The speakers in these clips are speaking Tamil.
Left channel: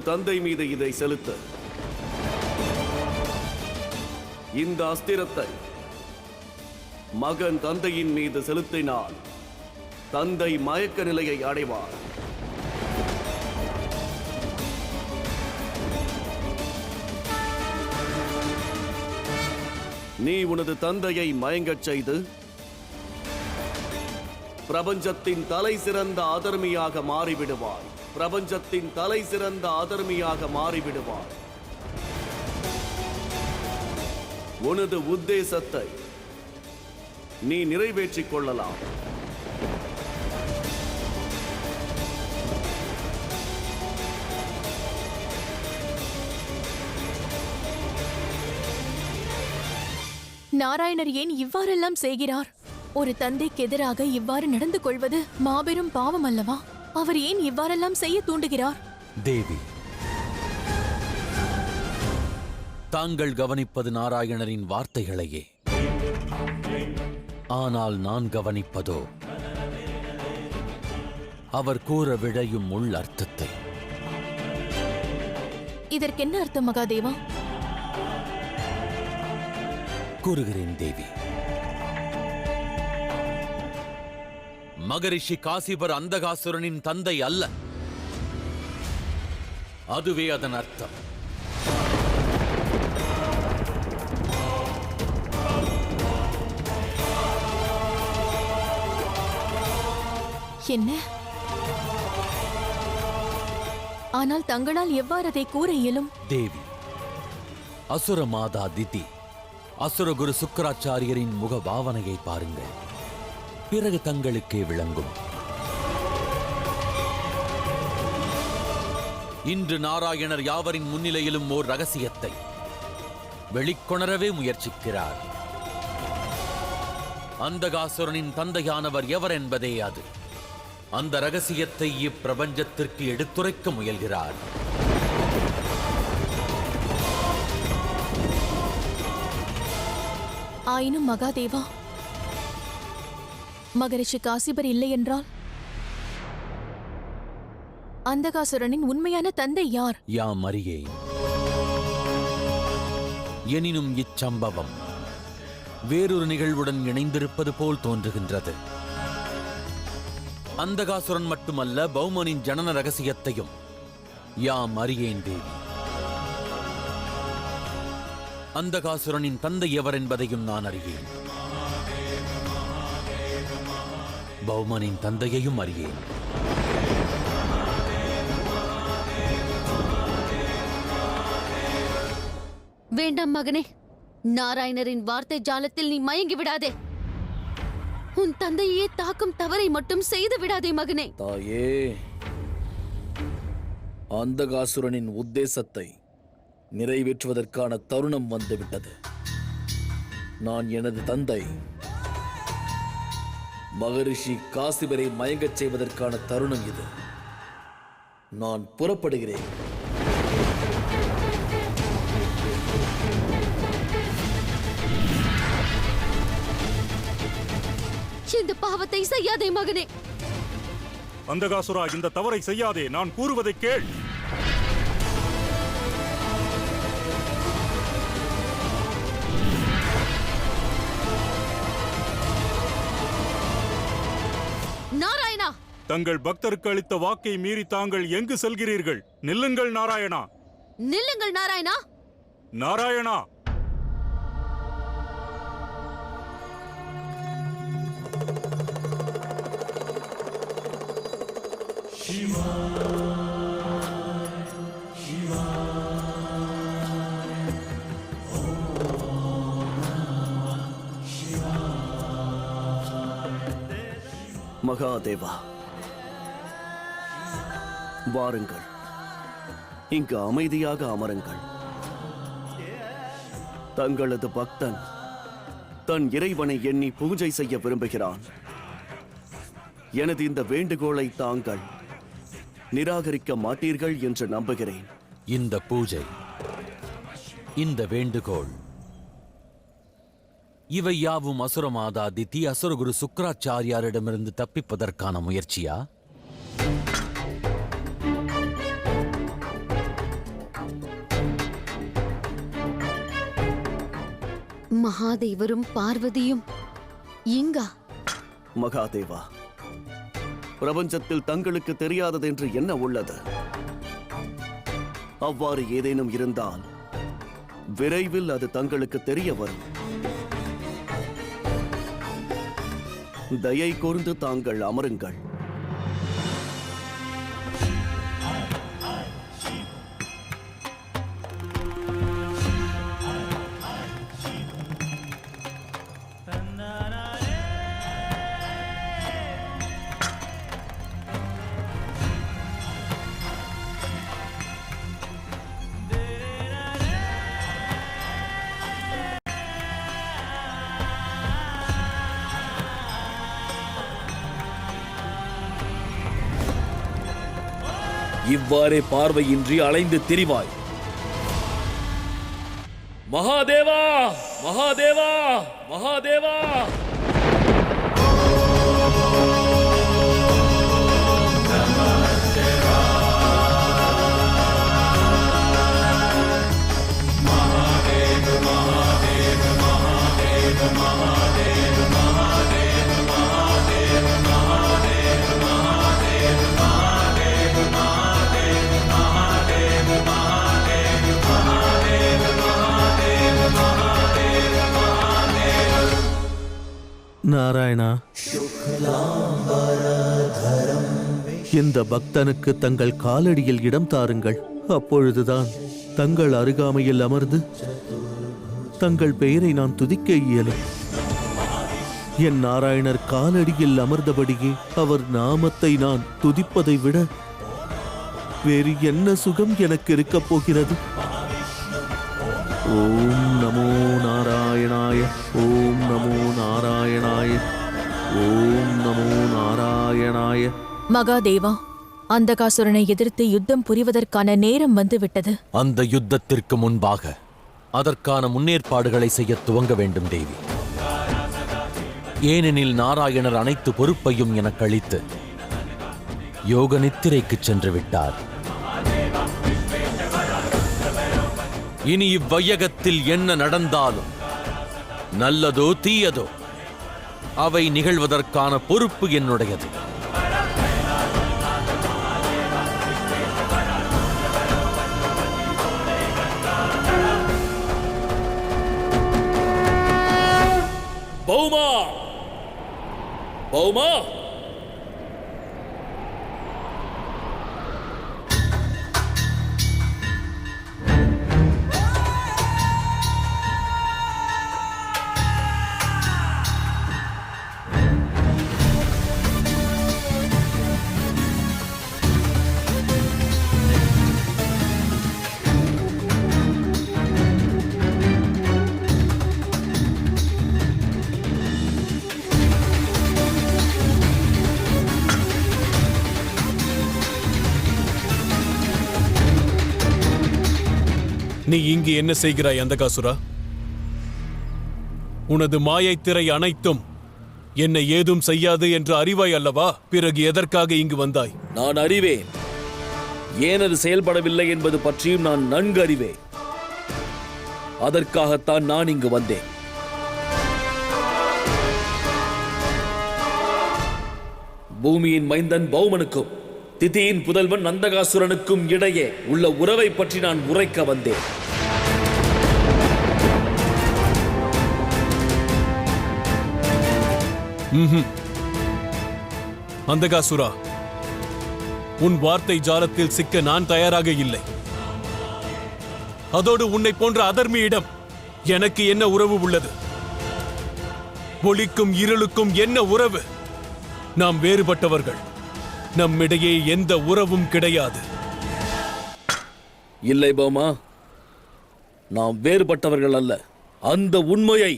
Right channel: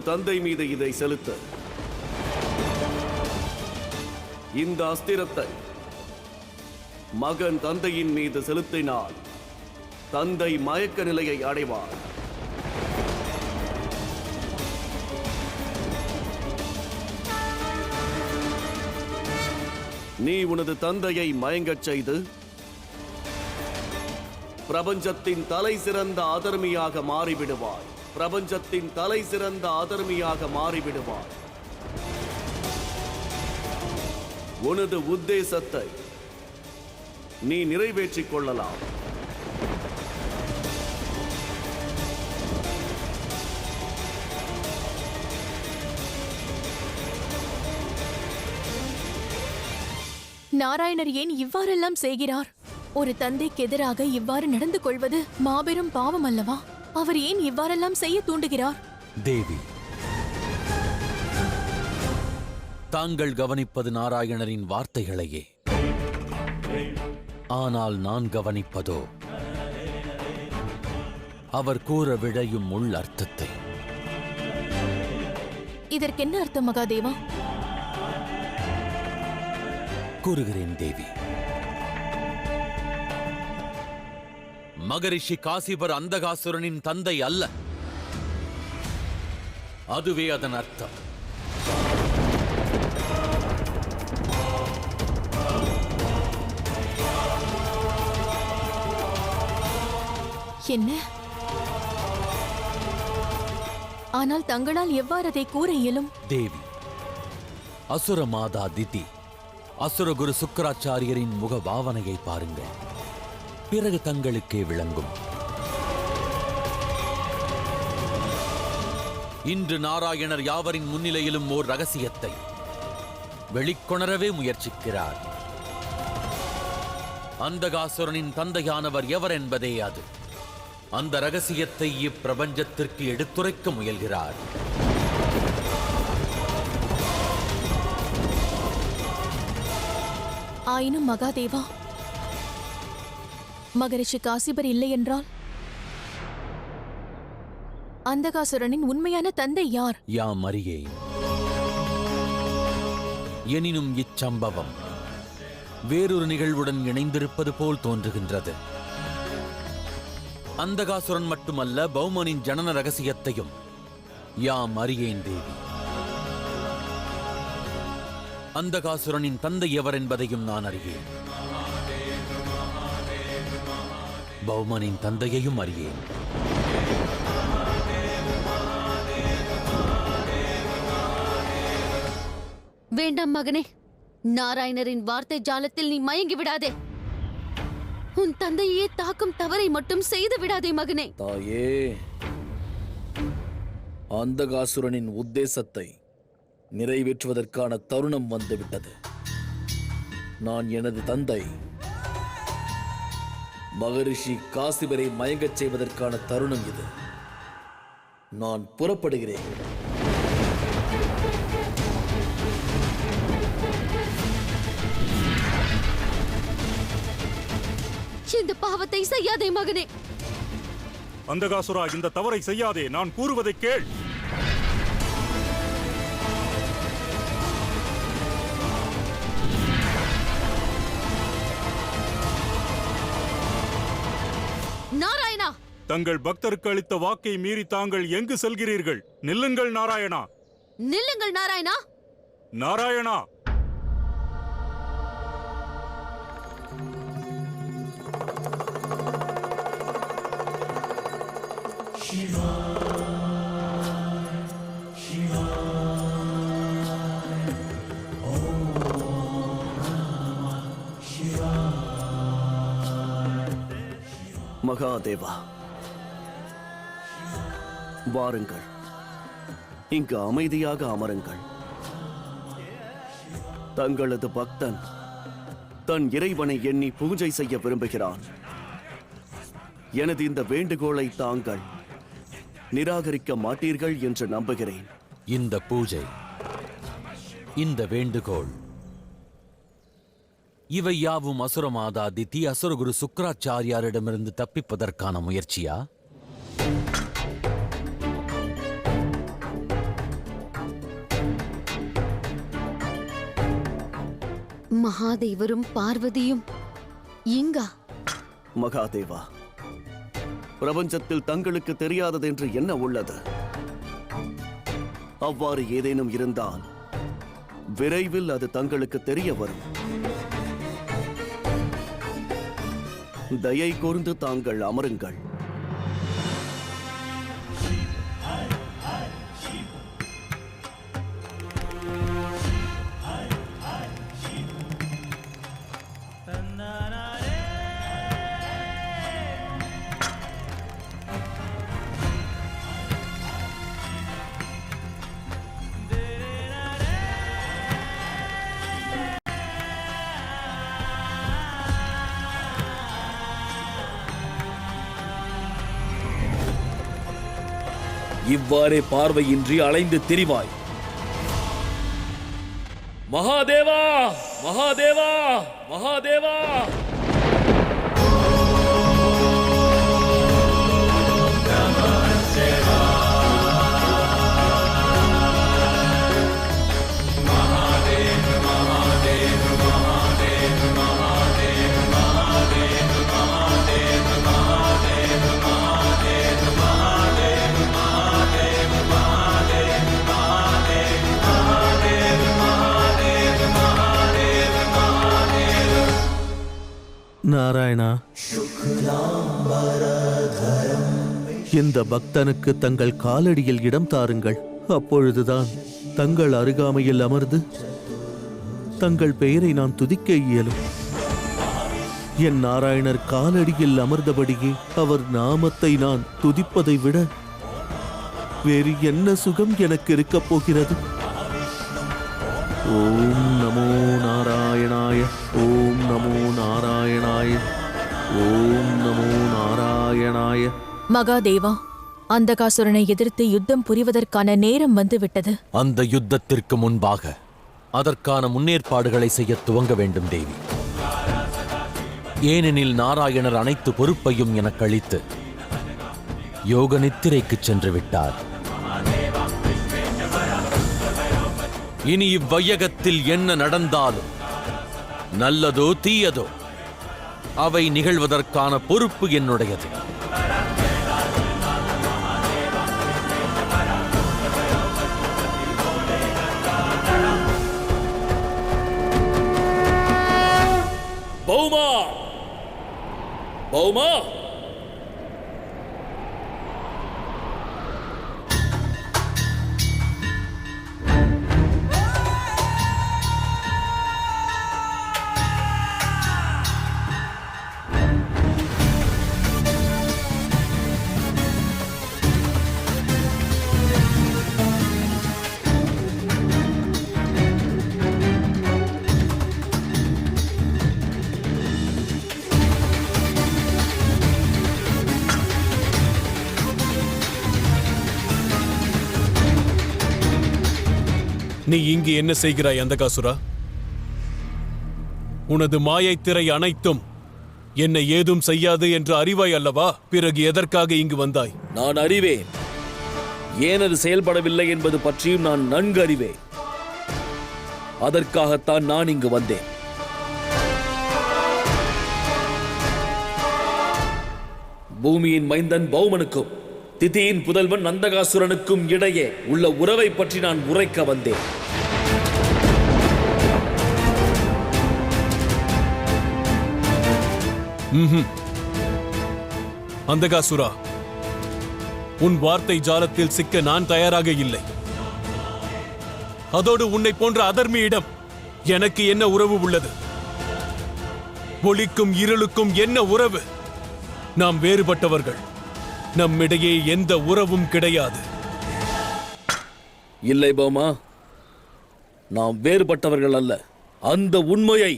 உனது தந்தை மீது இதை செலுத்து. இந்த அஸ்திரத்தை மகன் தந்தையின் மீது செலுத்தினால் தந்தை மயக்க நிலையை அடைவார். நீ உனது தந்தையை மயங்கச் செய்து பிரபஞ்சத்தின் தலை சிறந்த அதர்மியாக மாறிவிடுவாய். பிரபஞ்சத்தின் தலை சிறந்த அதர்மியாக மாறிவிடுவாய். உனது உத்தேசத்தை நீ நிறைவேற்றிக் கொள்ளலாம். நாராயணர் ஏன் இவ்வாறெல்லாம் செய்கிறார்? ஒரு தந்தைக்கு எதிராக இவ்வாறு நடந்து கொள்வது மாபெரும் பாவம் அல்லவா? அவர் ஏன் இவ்வாறெல்லாம் செய்ய தூண்டுகிறார்? தேவி, தாங்கள் கவனிப்பது நாராயணரின் வார்த்தைகளையே. ஆனால் நான் கவனிப்பதோ அவர் கூற விழையும் உள் அர்த்தத்தை. இதற்கென்ன அர்த்தம் மகாதேவா? கூறுகிறேன் தேவி. மகரிஷி காசிபர் அந்தகாசுரனின் தந்தை அல்ல. அதுவே அதன் அர்த்தம். என்ன? ஆனால் தங்களால் எவ்வாறு அதை கூற இயலும்? தேவி, அசுர மாதா திதி, அசுரகுரு சுக்கராச்சாரியரின் முக பாவனையை பாருங்கள். பிறகு தங்களுக்கே விளங்கும். இன்று நாராயணர் யாவரின் முன்னிலையிலும் ஓர் ரகசியத்தை வெளிக்கொணரவே முயற்சிக்கிறார். அந்தகாசுரனின் தந்தையானவர் எவர் என்பதே அது. அந்த ரகசியத்தை இப்பிரபஞ்சத்திற்கு எடுத்துரைக்க முயல்கிறார். ஆயினும் மகாதேவா, மகரிஷி காசிபர் இல்லை என்றால் அந்தகாசுரனின் உண்மையான தந்தை யார்? யாம் அறியேன். எனினும் இச்சம்பவம் வேறொரு நிகழ்வுடன் இணைந்திருப்பது போல் தோன்றுகின்றது. அந்தகாசுரன் மட்டுமல்ல, பௌமனின் ஜனன ரகசியத்தையும் யாம் அறியேன் தேவி. அந்தகாசுரனின் தந்தை எவர் என்பதையும் நான் அறியேன். பௌமனின் தந்தையையும் அறியேன். வேண்டாம் மகனே, நாராயணரின் வார்த்தை ஜாலத்தில் நீ மயங்கி விடாதே. உன் தந்தையே தாக்கும் தவறை மட்டும் செய்து விடாதே மகனே. தாயே, அந்தகாசுரனின் உத்தேசத்தை நிறைவேற்றுவதற்கான தருணம் வந்துவிட்டது. நான் எனது தந்தை மகரிஷி காசிபரை மயங்கச் செய்வதற்கான தருணம் இது. நான் புறப்படுகிறேன். இந்த பாவத்தை செய்யாதே மகனே. அந்தகாசுரா, இந்த தவறை செய்யாதே. நான் கூறுவதை கேள். நாராயணா, தங்கள் பக்தருக்கு அளித்த வாக்கை மீறி தாங்கள் எங்கு செல்கிறீர்கள்? நில்லுங்கள் நாராயணா. நில்லுங்கள் நாராயணா. நாராயணா, மகாதேவா, வாருங்கள். இங்கு அமைதியாக அமருங்கள். தங்களது பக்தன் தன் இறைவனை எண்ணி பூஜை செய்ய விரும்புகிறான். எனது இந்த வேண்டுகோளை தாங்கள் நிராகரிக்க மாட்டீர்கள் என்று நம்புகிறேன். இந்த பூஜை, இந்த வேண்டுகோள், இவை யாவும் அசுரமாதா திதி அசுரகுரு சுக்கராச்சாரியாரிடமிருந்து தப்பிப்பதற்கான முயற்சியா? மகாதேவரும் பார்வதியும் இங்கா? மகாதேவா, பிரபஞ்சத்தில் தங்களுக்கு தெரியாததென்று என்ன உள்ளது? அவ்வாறு ஏதேனும் இருந்தால் விரைவில் அது தங்களுக்கு தெரிய வரும். தயை கூர்ந்து தாங்கள் அமருங்கள். இவ்வாறே பார்வையின்றி அலைந்து திரிவாய். மகாதேவா, மகாதேவா, மகாதேவா! நாராயணா, இந்த பக்தனுக்கு தங்கள் காலடியில் இடம் தாருங்கள். அப்பொழுதுதான் தங்கள் அருகாமையில் அமர்ந்து தங்கள் பெயரை நான் துதிக்க இயலும். என் நாராயணர் காலடியில் அமர்ந்தபடியே அவர் நாமத்தை நான் துதிப்பதை விட வேறு என்ன சுகம் எனக்கு இருக்கப் போகிறது? ஓம் நமோ நாராயணாய, ஓம் நமோ நாராயணாய, ஓம் நமோ நாராயணாய. மகாதேவா, அந்தகாசுரனை எதிர்த்து யுத்தம் புரிவதற்கான நேரம் வந்துவிட்டது. அந்த யுத்தத்திற்கு முன்பாக அதற்கான முன்னேற்பாடுகளை செய்ய துவங்க வேண்டும் தேவி. ஏனெனில் நாராயணர் அனைத்து பொறுப்பையும் எனக்கு அளித்து யோக நித்திரைக்கு சென்று விட்டார். இனி இவ்வையகத்தில் என்ன நடந்தாலும், நல்லதோ தீயதோ, அவை நிகழ்வதற்கான பொறுப்பு என்னுடையது. Bavuma, Bavuma! நீ இங்கு என்ன செய்கிறாய் அந்தகாசுரா? உனது மாயைத் திரை அனைத்தும் என்னை ஏதும் செய்யாது என்று அறிவாய் அல்லவா? பிறகு எதற்காக இங்கு வந்தாய்? நான் அறிவேன். ஏன் அது செயல்படவில்லை என்பது பற்றியும் நான் நன்கு அறிவேன். அதற்காகத்தான் நான் இங்கு வந்தேன். பூமியின் மைந்தன் பௌமனுக்கும் திதியின் புதல்வன் நந்தகாசுரனுக்கும் இடையே உள்ள உறவை பற்றி நான் உரைக்க வந்தேன். அந்தகாசுரா, உன் வார்த்தை ஜாலத்தில் சிக்க நான் தயாராக இல்லை. அதோடு உன்னை போன்ற அதர்மியிடம் எனக்கு என்ன உறவு உள்ளது? ஒளிக்கும் இருளுக்கும் என்ன உறவு? நாம் வேறுபட்டவர்கள். நம்மிடையே எந்த உறவும் கிடையாது. இல்லை பௌமா, நாம் வேறுபட்டவர்கள் அல்ல. அந்த உண்மையை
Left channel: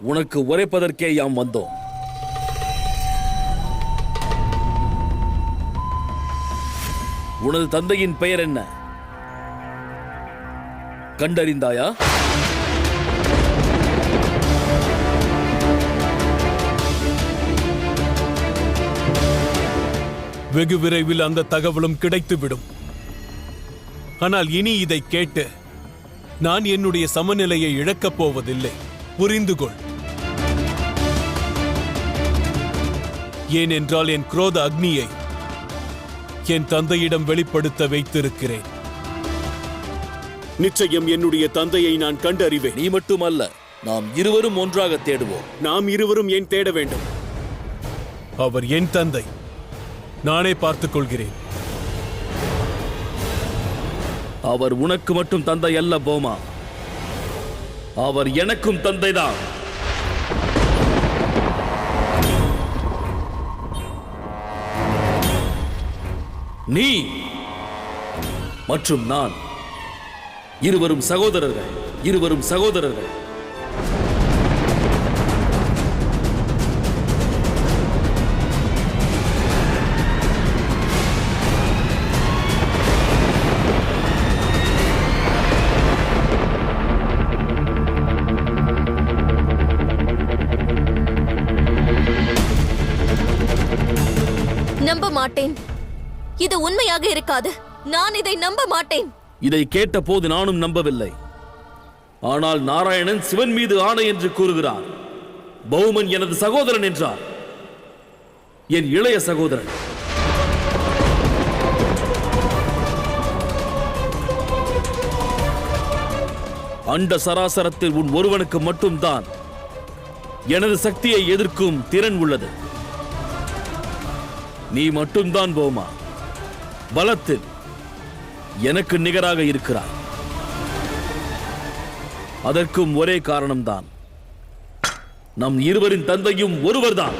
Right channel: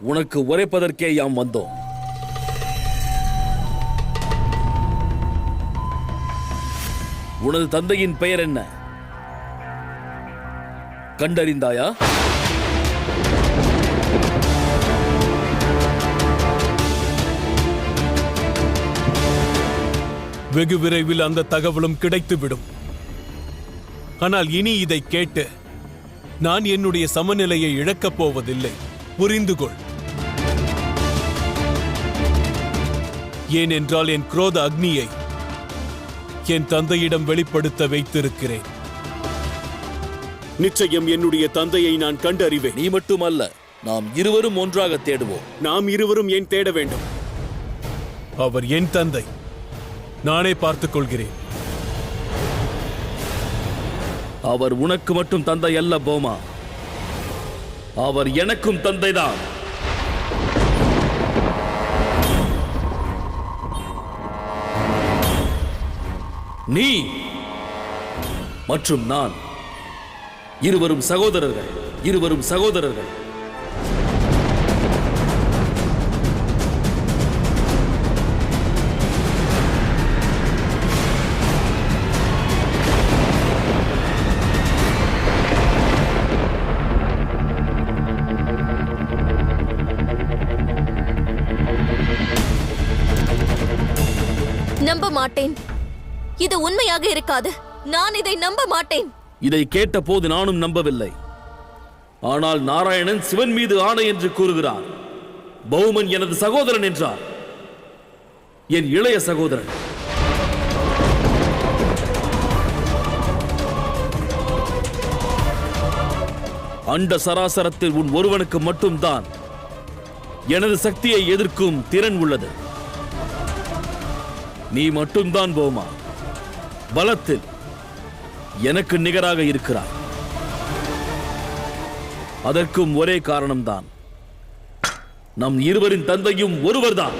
உனக்கு உரைப்பதற்கே யாம் வந்தோம். உனது தந்தையின் பெயர் என்ன? கண்டறிந்தாயா? வெகு விரைவில் அந்த தகவலும் கிடைத்துவிடும். ஆனால் இனி இதை கேட்டு நான் என்னுடைய சமநிலையை இழக்கப் போவதில்லை. புரிந்து கொள். ஏனென்றால் என் குரோத அக்னியை என் தந்தையிடம் வெளிப்படுத்த வைத்திருக்கிறேன். நிச்சயம் என்னுடைய தந்தையை நான் கண்டறிவேன். நீ மட்டுமல்ல, நாம் இருவரும் ஒன்றாக தேடுவோம். நாம் இருவரும் ஏன் தேட வேண்டும்? அவர் என் தந்தை. நானே பார்த்துக் கொள்கிறேன். அவர் உனக்கு மட்டும் தந்தை அல்ல போமா, அவர் எனக்கும் தந்தைதான். நீ மற்றும் நான் இருவரும் சகோதரர்கள், இருவரும் சகோதரர்கள். நம்ப மாட்டேன். இது உண்மையாக இருக்காது. நான் இதை நம்ப மாட்டேன். இதை கேட்ட போது நானும் நம்பவில்லை. ஆனால் நாராயணன் சிவன் மீது ஆணை என்று கூறுகிறார். பௌமன் எனது சகோதரன் என்றார். என் இளைய சகோதரன். அண்ட சராசரத்தில் உன் ஒருவனுக்கு மட்டும்தான் எனது சக்தியை எதிர்க்கும் திறன் உள்ளது. நீ மட்டும்தான் போமா பலத்தில் எனக்கு நிகராக இருக்கிறாய். அதற்கும் ஒரே காரணம்தான், நம் இருவரின் தந்தையும் ஒருவர்தான்.